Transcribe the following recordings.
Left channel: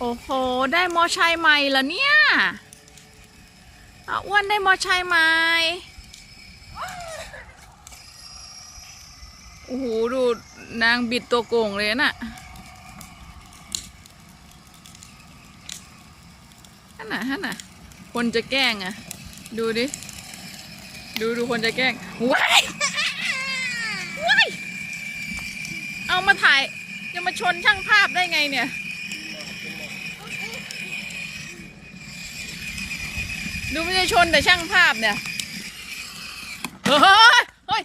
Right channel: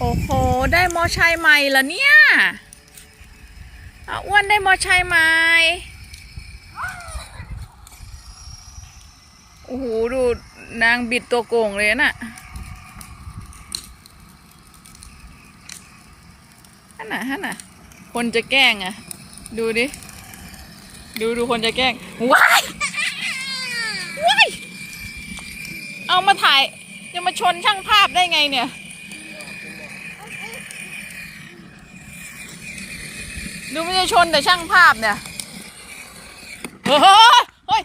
โอ้โห ได้มอชัยใหม่เหรอเนี่ยอาอ้วนได้มอชัยใหม่โอ้โห ดูนางบิดตัวโก่งเลยน่ะฮันน่ะฮันน่ะ คนจะแกล้งอะ ดูดิ ดูดูคนจะแกล้ง ว้าย ว้าย เอามาถ่าย จะมาชนช่างภาพได้ไงเนี่ย ดูไม่ได้ชนแต่ช่างภาพเนี่ย เฮ้ย เฮ้ย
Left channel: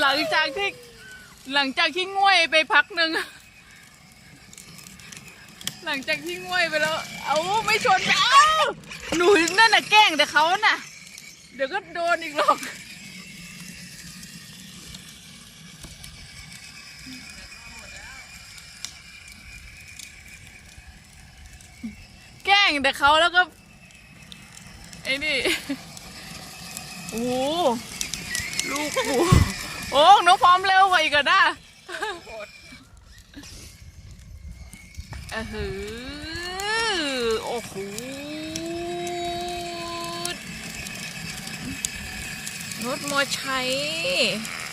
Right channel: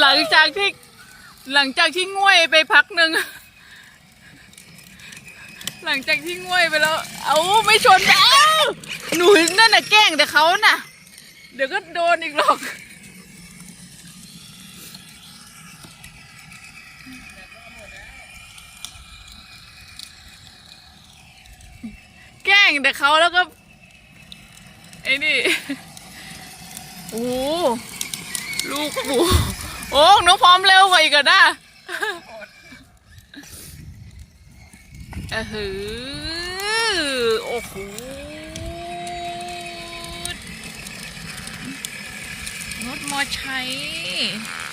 หลังจากที่หลังจากที่ง่วยไปพักหนึ่ง หลังจากที่ง่วยไปแล้ว เอาไม่ชนแล้วหนูนั่นน่ะแกล้งแต่เขาน่ะ เดี๋ยวก็โดนอีกหรอก แกล้ งแต่เขาแล้วก็ ไอ้นี่โอ้โหลูกหมูโอ้น้องพร้อมเร็วกว่าอีกนะเออหือโอ้โหรถมอไซค์เนี่ย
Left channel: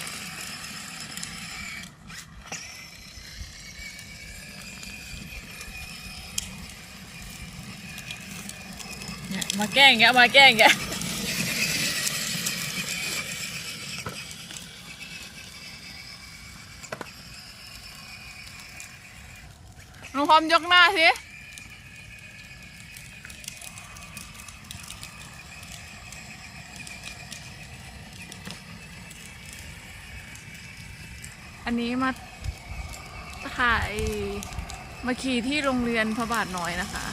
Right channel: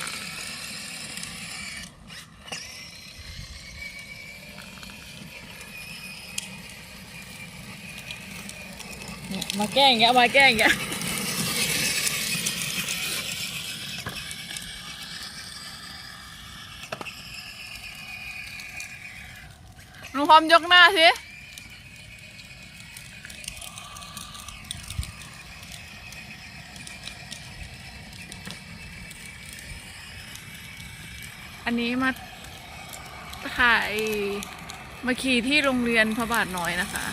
มาแกล้งแกมาแกล้งแกน้องพร้อมยกหน้าสิอันนี้มาถ่ายมาขี่ที่โรงเรียนพระบาทน้อยนะคะ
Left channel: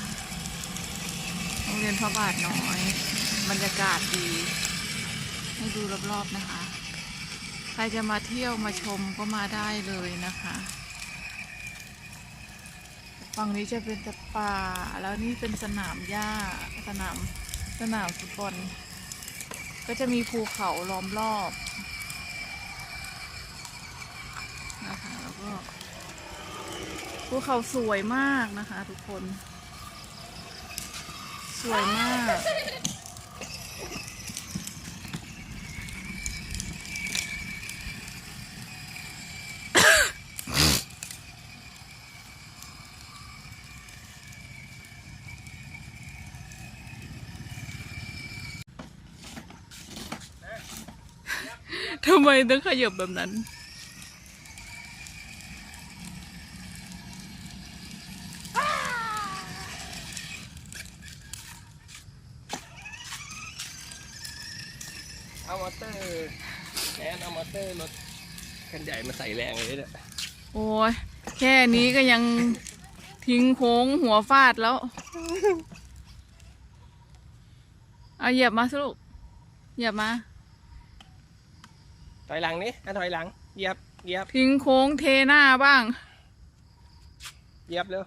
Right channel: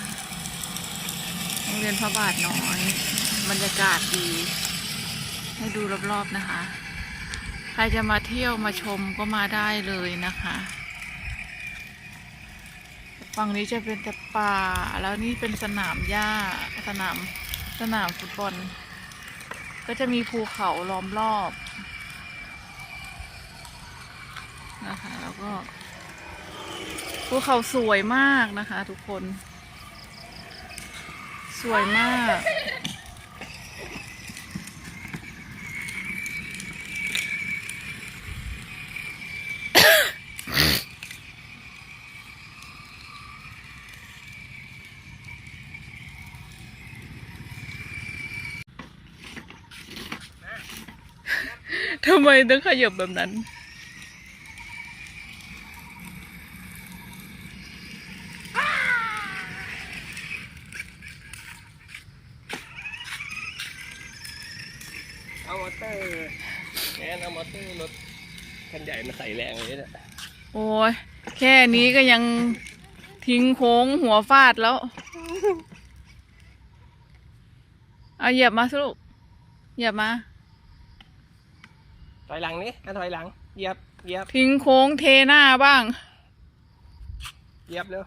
โรงเรียนพระบาทน้อย บรรยากาศดี ให้ดูรอบๆนะคะ ใครจะมาเที่ยวมาชมก็มาได้เลยนะคะฝั่งนี้จะเป็นแต่ป่า แล้วนี่เป็นสนามหญ้าสนามสนามฟุตบอลก็จะมีภูเขาล้อมรอบนะคะแล้วก็ภูเขาสวยมากนะคะ ทุกคน สวยมาก ทำไมต้องขยับแบบนั้น เอามอเตอร์แอนเอามอเตอร์รถคันใหญ่มาใส่แรงเลยเนี่ยโอ้ยแค่นี้ก็ยังทิ้งโค้งหัวฟาดแล้ว เอาเหยียบมาสิลูกเหยียบมา ถอยหลังนี่อะถอยหลังเหยียบเหยียบทิ้งโค้งเทหน้าบ้างเหยียบเร็ว